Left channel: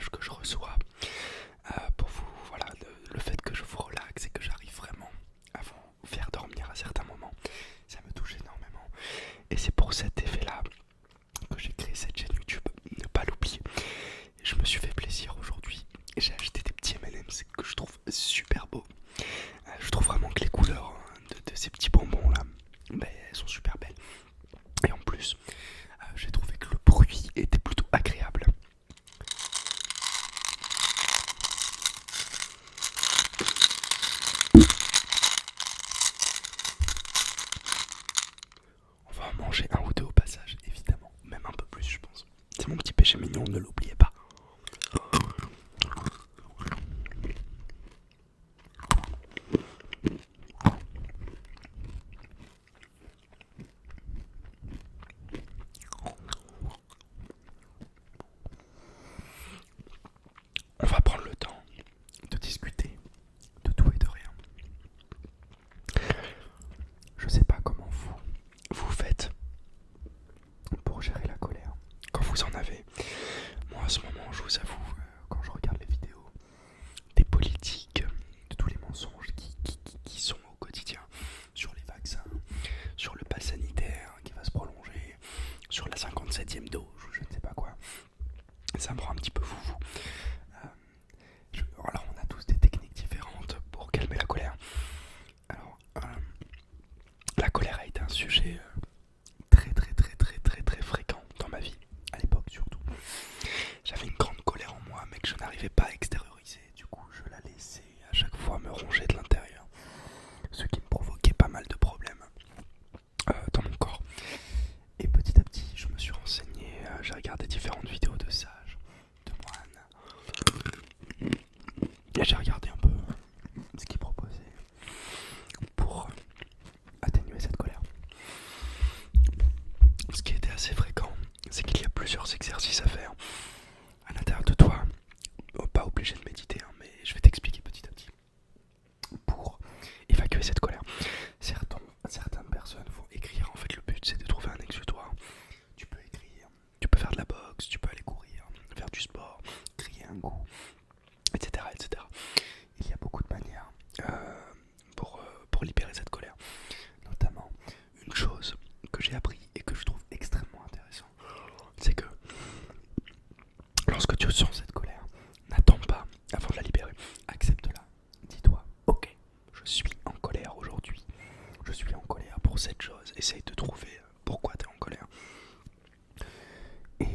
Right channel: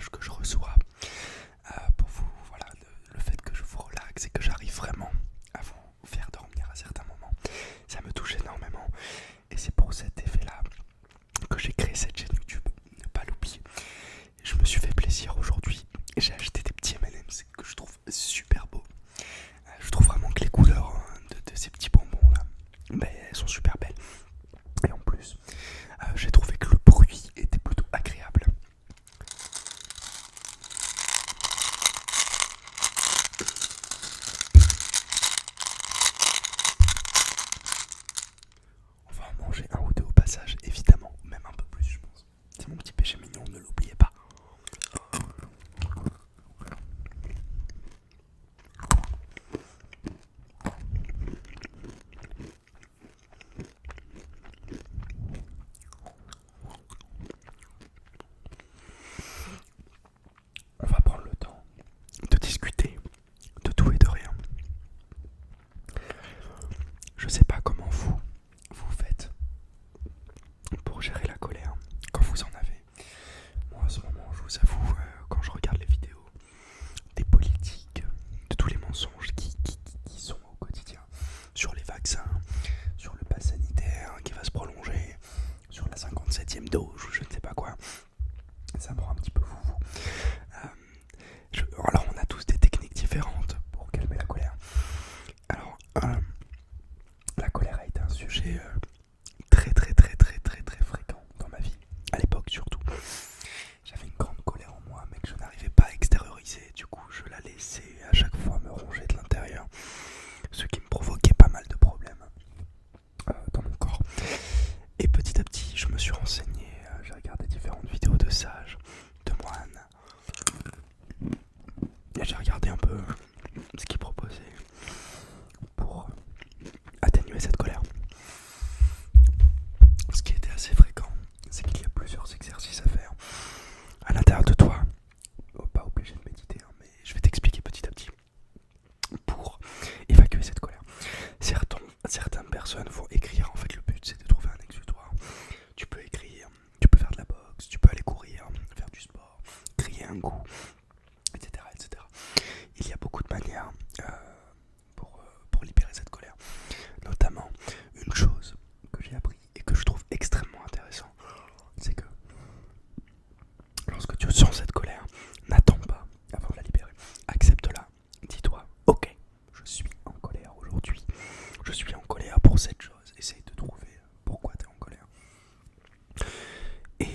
messages que je reçois pour vous, voilà, le fait que je vous relaxe et que j'arrive vraiment à vous faire dormir à certains moments, ça me touche énormément. Et c'est pour cet effet-là que j'ai créé cette chaîne YouTube, ne pas l'oublier. Je me suis fait plaisir aujourd'hui et j'ai acheté des petits M&M's que je trouve super beaux. Je trouve vraiment que les couleurs de ces petits bonbons là, elles sont super belles. Et en plus, j'ai trouvé que le bruit était plutôt agréable. On va en manger un ou deux au passage, évidemment, même un peu plus je pense. C'est mon petit péché mignon, ne l'oubliez pas. On va prendre le temps de discuter de tout et de rien. Je sais pas comment vous faites pour gérer la colère quand vous en avez. Moi, en ce moment, je vous avoue, quand je regarde les vidéos des politiques, de tous les mensonges qui sont au quotidien, sur les vaccins, sur le pass sanitaire qui va se prolonger, sur la 57e dose ou je ne sais pas quoi, ça me rend un petit peu foufou. Alors, on a tous des techniques différentes pour calmer la colère. Alors, la colère a été un sujet très fréquent dans ma vie, à l'époque surtout. J'avais une grande colère en moi, mais que je n'arrivais pas à extérioriser. Du coup, je la laissais à chaque fois me ronger de l'intérieur, ce qui me provoquait pas mal de problèmes dans mon corps. Et petit à petit, je me suis renseigné, j'ai regardé différentes vidéos de sages, de moines, et j'ai regardé un peu ce qu'ils proposaient pour atténuer cette colère. Ce qui était assez fréquent, c'est qu'il y a plusieurs exercices à faire à l'intérieur de toi. Pas obligé de méditer, hein, mais je vais t'expliquer petit à petit pour évacuer cette colère. Certaines personnes vont écrire, en fait le but c'est de trouver un exutoire. Tu peux écrire, tu peux faire de la boxe, tu peux aller courir, faire du sport, crier un coup, etc. etc. Il y a beaucoup de manières pour libérer cette colère. Notamment, une chose que j'ai appris et que je trouve extrêmement intéressant, c'est que lorsque tu sens cette colère, n'attends pas avant de la libérer. Accepte-la. Dis-toi, ok, je suis en colère aujourd'hui. Je suis en colère pour cette chose. Essaye de trouver pourquoi tu es en colère. Et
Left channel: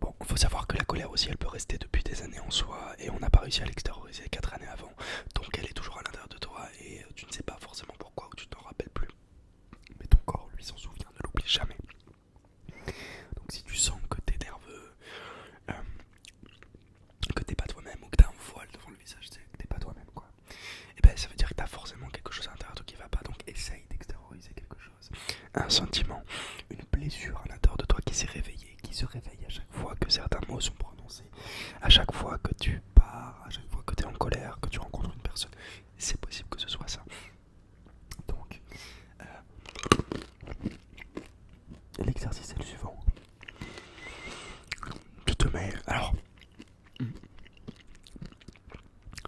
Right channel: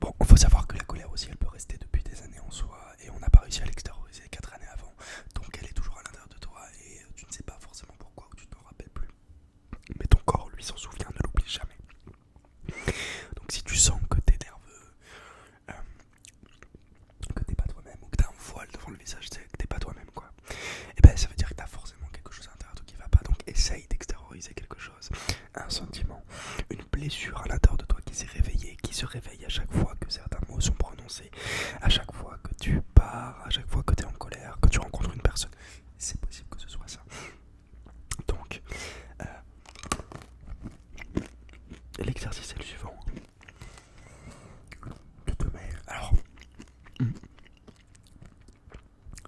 bon, il faut savoir que la colère aussi, elle peut rester depuis des années en soi et on n'a pas réussi à l'extérioriser 4 années avant. Donc elle est toujours à l'intérieur de toi et tu ne sais pas forcément pourquoi ou tu ne t'en rappelles plus. Mais ton corps, lui, s'en souvient, ne l'oublie jamais. Donc si tu sens que t'es nerveux, que t'es pas toi-même ou que t'as un voile devant le visage, que t'es pas toi-même quoi, et ben ça veut dire que t'as forcément quelque chose à l'intérieur de toi qui va pas. Donc essaye d'extérioriser quelque chose, un sentiment, une blessure à l'intérieur de toi qui s'est réveillée, qui se réveille à chaque fois que certains mots sont prononcés, à chaque fois que tu pars, à chaque fois que t'es en colère, que tu rencontres une personne. C'est possible que ce soit ça. Donc l'exercice est le suivant. Tu te mets. Alors,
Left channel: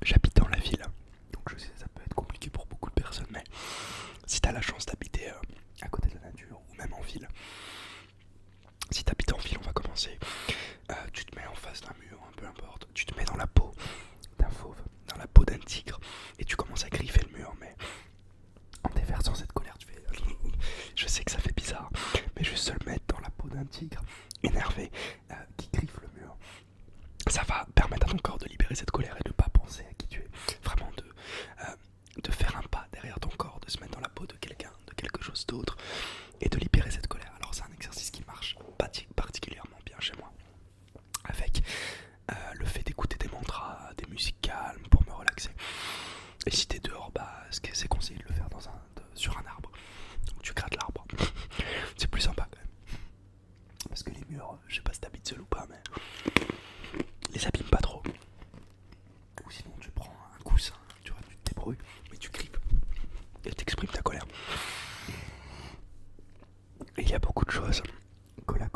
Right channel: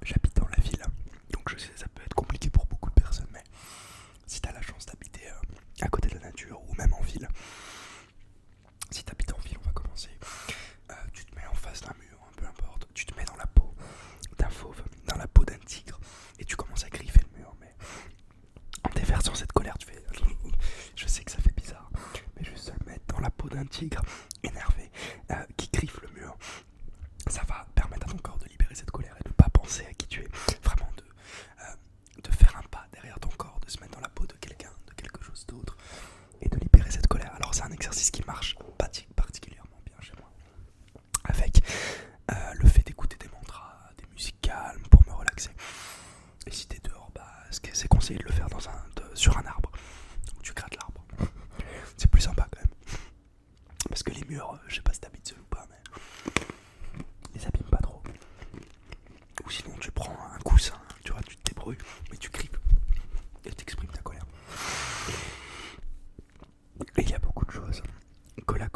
j'habite dans la ville, donc je sais ça peut être compliqué pour beaucoup de personnes, mais si t'as la chance d'habiter à côté de la nature ou même en ville, si t'habites en ville, on va commencer. Tu te mets en face d'un mur, peu importe. Tu te mets dans la peau d'un fauve, dans la peau d'un tigre, et tu commences à griffer le mur, mais en déversant cette colère, tu fais. Je sais que ça fait bizarre, mais juste se le mettre dans la peau d'un tigre énervé qui griffe le mur, ça va permettre à ton corps de libérer cette colère et de ne pas penser à qui tu es. Vraiment de faire un pas derrière ton corps, de se mettre dans la peau de quelqu'un, de quelque chose d'autre, et de libérer cette colère. Alors c'est un exercice qui marche particulièrement bien chez moi. Avec le fait d'écouter des mantras, des musiques calmes pour me relaxer. Et si t'es dehors, c'est conseillé de le faire sur un arbre. Donc tu grattes l'arbre. C'est plus sympa quand même. Parce que les murs, je sais pas si t'habites seul ou pas, mais les abîme pas trop. Ou sinon tu prends un coussin, tu vois, tu te débrouilles, mais tu grippes et t'exprimes ta colère. Et il y a beaucoup de choses que la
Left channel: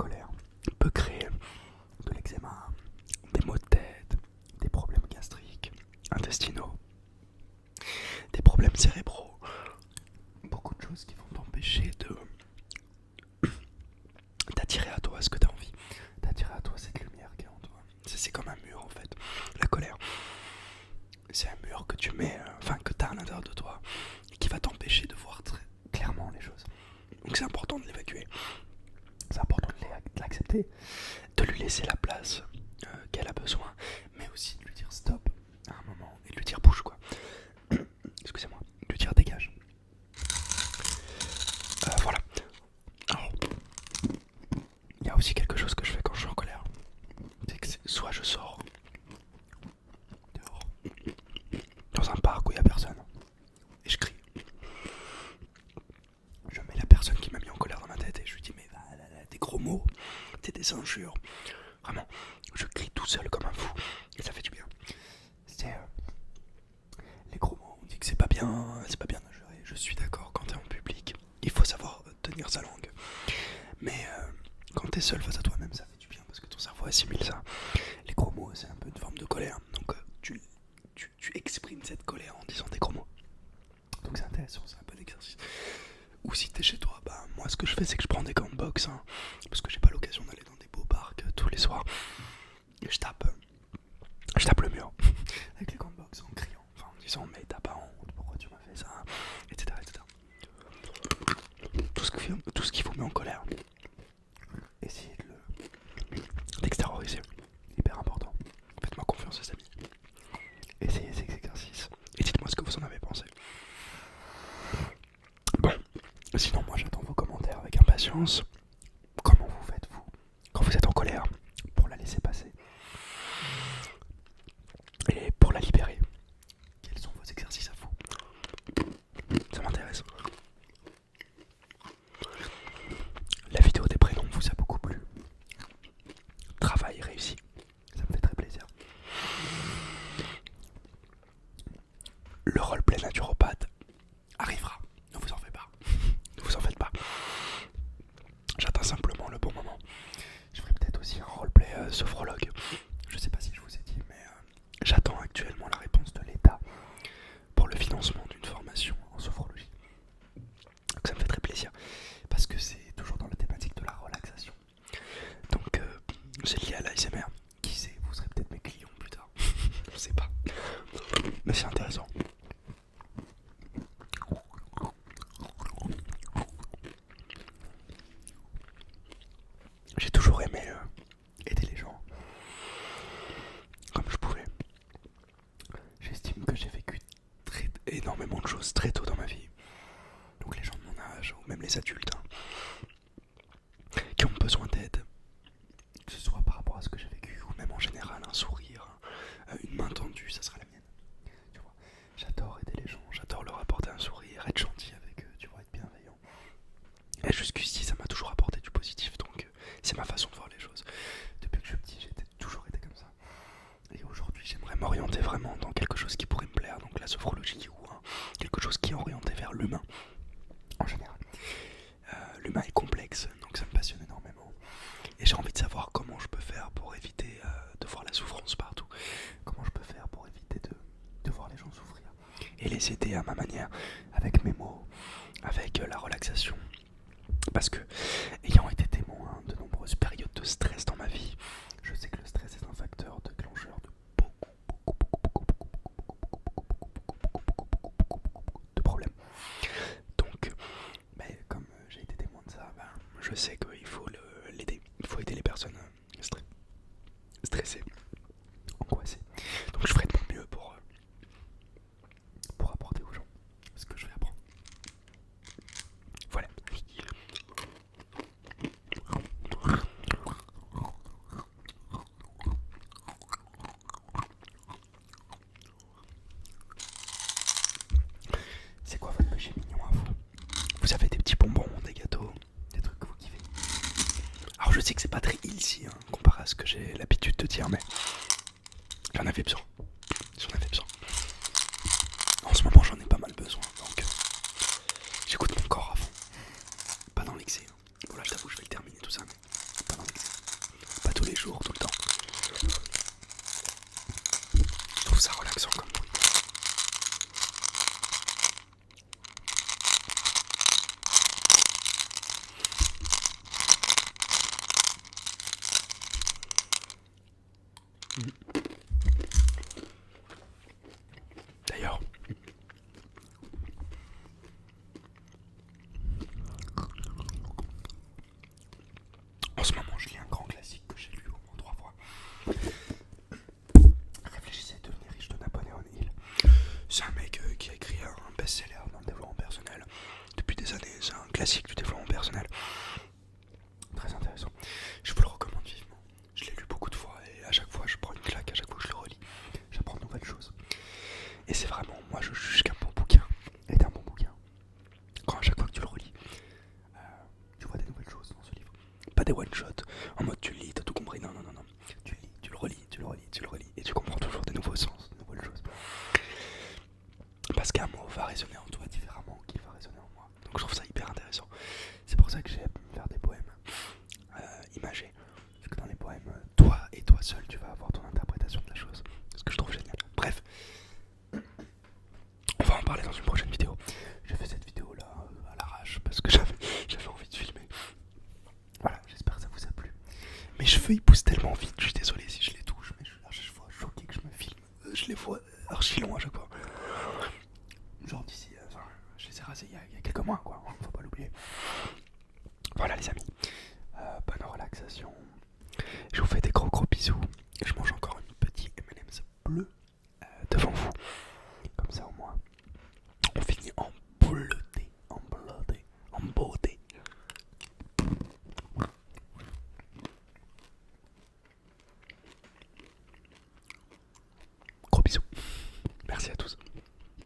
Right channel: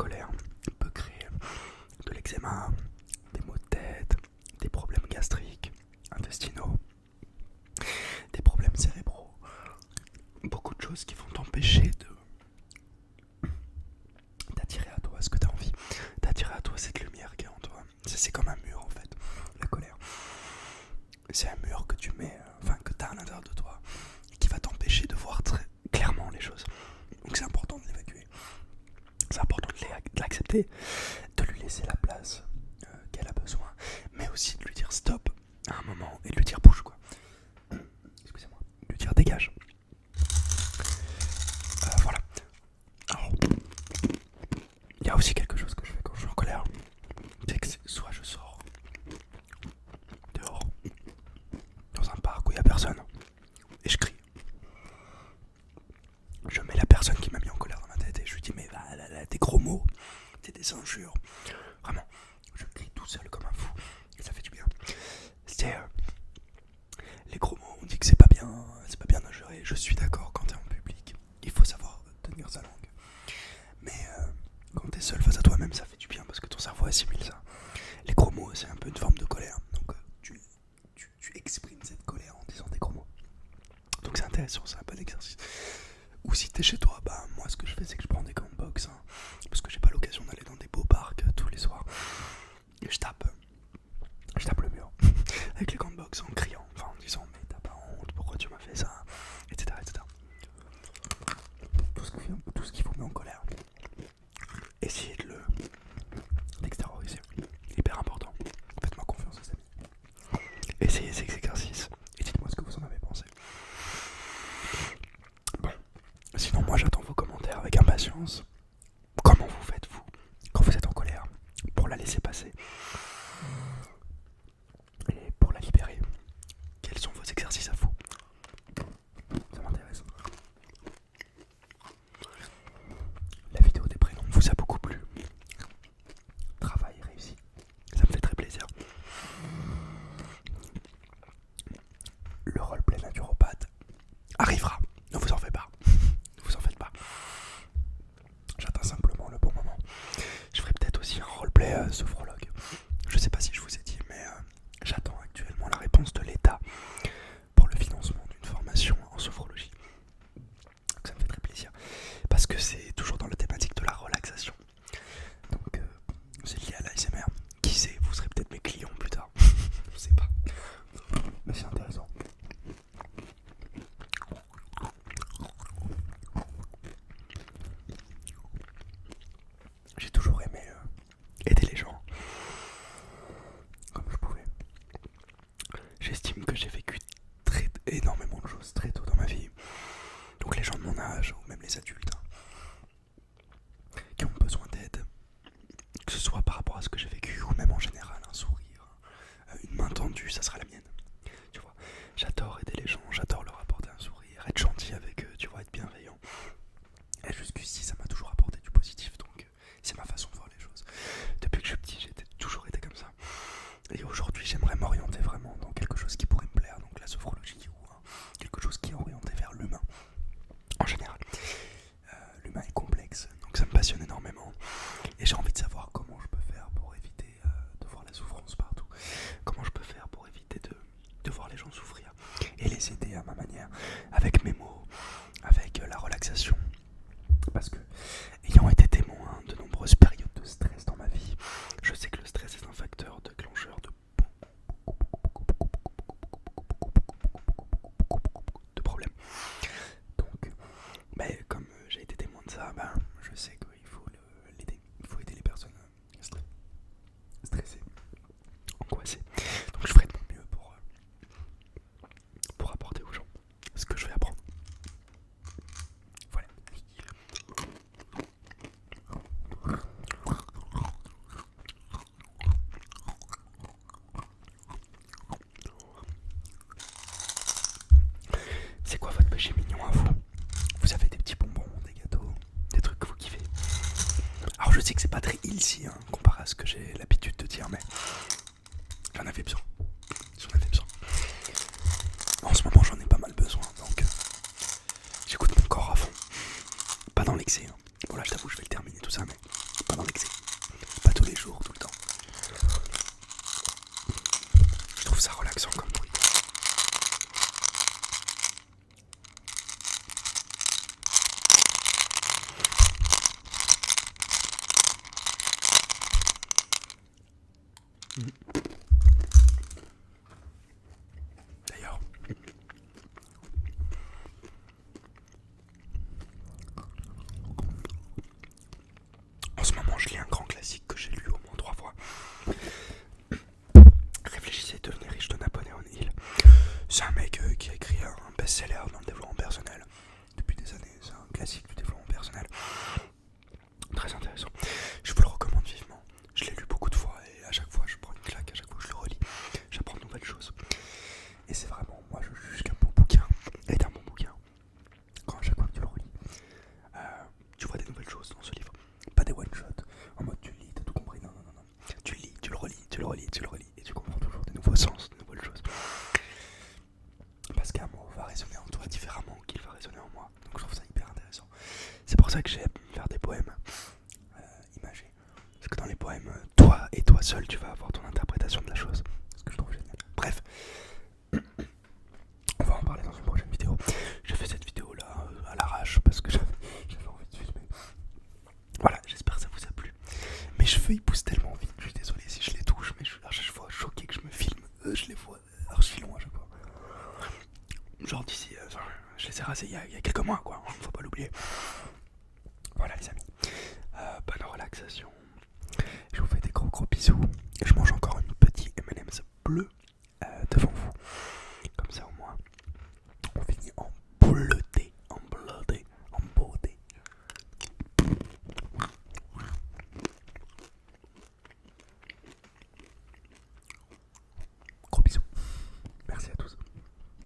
tu mets, que tu as à l'intérieur de toi, et qui va t'empêcher de voir très clairement les choses. Donc c'est important de l'évacuer, c'est important de l'accepter, de lui laisser la place qu'elle a besoin, mais aussi de lui dire stop à un moment et de lui dire bouge quoi. Excusez-moi, de lui dire dégage. Voilà. Alors, il y a aussi quelque chose que je fais quand je suis en colère, c'est que soit je sors dehors, dans un parc où il n'y a personne, et je crie. Je mets la personne qui m'a mis en colère dans ma tête et je lui dis mais des gros mots, des injures. Vraiment, je crie tout seul comme un fou et ça fait du bien. C'est les gros mots, on dit que c'est pas bien d'injurer. Je suis d'accord, quand t'es en public, il faut savoir tenir sa langue. Mais quand t'es seul face à toi-même, ça fait du bien parce que ton cerveau assimile ça. Les gros mots, c'est un peu une forme de colère. Donc tu exprimes cette colère en disant des gros mots. Donc c'est intéressant, c'est un bon exercice. Ou si t'es chez toi, moi ce que je fais c'est que je prends des gants de boxe, parce que j'ai pas l'occasion d'aller dans des beaux parcs tous les soirs. Et je tape le mur avec les gants de boxe en criant, en disant mais t'as pas honte, pourquoi tu m'as fait ça, etc. Tout ce qui vous met en colère, essayez de l'extérioriser, hyper important. Faites-moi confiance les amis. Essayez ces exercices et dites-moi ce que vous en avez pensé. Bon, sinon moi j'attends vos commentaires avec impatience. Comment vous faites vous quand vous êtes en colère pour la laisser passer et pour la libérer? Quels sont vos exercices à vous? Ça m'intéresse. La vidéo des prénoms vous a beaucoup plu. Travail réussi, ça me fait très plaisir. Le roleplay naturopathe arrivera, ne vous en faites pas. Ne vous en faites pas. J'attends simplement le bon moment. Je ferai peut-être aussi un roleplay sophrologue. Je sais pas si je vous ai dit, mais j'attends actuellement la réponse de l'État pour le financement d'une formation en sophrologie. Donc ça me fait très plaisir parce que c'est toujours dans la thématique de la relaxation. Donc c'est lié à l'ASMR. Qui sait, vous serez peut-être mes clients plus tard. Je sais pas. Mais c'est intéressant. J'ai toujours aimé aider les gens comme je pouvais. J'estime que j'ai vécu énormément de choses très tôt dans ma vie. Donc les gens de mon âge, ou même les adultes, qui ont besoin d'aide, que ce soit par rapport à ce que j'ai vécu, ou même en général, un sourire, une main tendue, ça sera la mienne. Tu vois, j'adore aider les gens, j'adore leur apporter un sourire, être gentil avec eux, tu vois, être bienveillant. Et jusqu'ici, ça m'a toujours apporté du positif, donc c'est ma façon de voir les choses. Depuis que je suis petit, j'ai toujours été comme ça. Et aujourd'hui, j'aimerais m'orienter vraiment dans quelque chose qui pourrait me plaire, donc la sophrologie ou quelque chose qui est orienté vers l'humain en général. L'humain est complexe, donc ça me passionne énormément. Et j'ai envie de savoir comment je peux faire pour éviter de voir la souffrance partout. Comment je peux faire pour éviter de voir les gens souffrir. Et les aider à ma manière, avec mes mots, avec la relaxation. Parce que, ayant été témoin de nombreuses périodes de stress dans ma vie, je sais que le stress est un facteur déclencheur de beaucoup de problèmes. Donc, comme j'ai été témoin de ça, je sais qu'il faut l'aider. Il faut aider les personnes stressées, angoissées. Donc je ferai de mon mieux pour apporter aux gens ce que je vais apprendre. Voilà. C'est quoi votre péché mignon à vous? Vous avez des petits bonbons, des gâteaux, des trucs que vous kiffez? Alors je sais que c'est pas très healthy comparé à ce que j'ai l'habitude de dire, mais j'en avais besoin. En ce moment j'en ai pas mal besoin, donc j'écoute mon corps à fond. Pas dans l'excès. Voilà, je t'avoue, je vais le terminer tout ça, mais pas dans l'excès. Pas tous les jours, tout le temps. Je trouve ça relaxant comme bruit. D'ailleurs, best-seller dans le développement personnel depuis des années, c'est un classique du développement personnel. Très intéressant. Je vous le recommande vivement. Je l'ai lu beaucoup de fois et à chaque fois je prends une claque, à chaque fois que je le relis, j'apprends de nouvelles choses. Et c'est vraiment, moi je juge qu'un bon bouquin est un bon bouquin quand à chaque fois que tu le relis, tu vois des nouvelles choses dans ce livre. Pas des one-shots, en mode tu lis, t'as tout compris, non. Tu lis, tu le relis, et tu comprends toujours des nouveaux sens, des nouvelles choses. Parce qu'un mot va résonner en toi différemment qu'il va résonner en moi. Donc je trouve ça hyper intéressant. C'est pour ça que j'aime faire des poèmes imagés. Parce que dans les poèmes, toi et toi seul, tu vas avoir ton interprétation de la chose. Ce que je trouve génial. Bref, on va en parler dans une prochaine vidéo. J'ai fait cette vidéo là à l'arrache parce que j'avais envie de filmer. Voilà, j'espère que ça vous a plu. Mes cheveux ils poussent tellement vite, je suis désolé si je les touche, mais je suis à chaque fois choqué que je me filme. Je les vois archi longs à chaque fois. Genre d'ici, je les ai rasés il y a quelques mois quoi, faut pas l'oublier.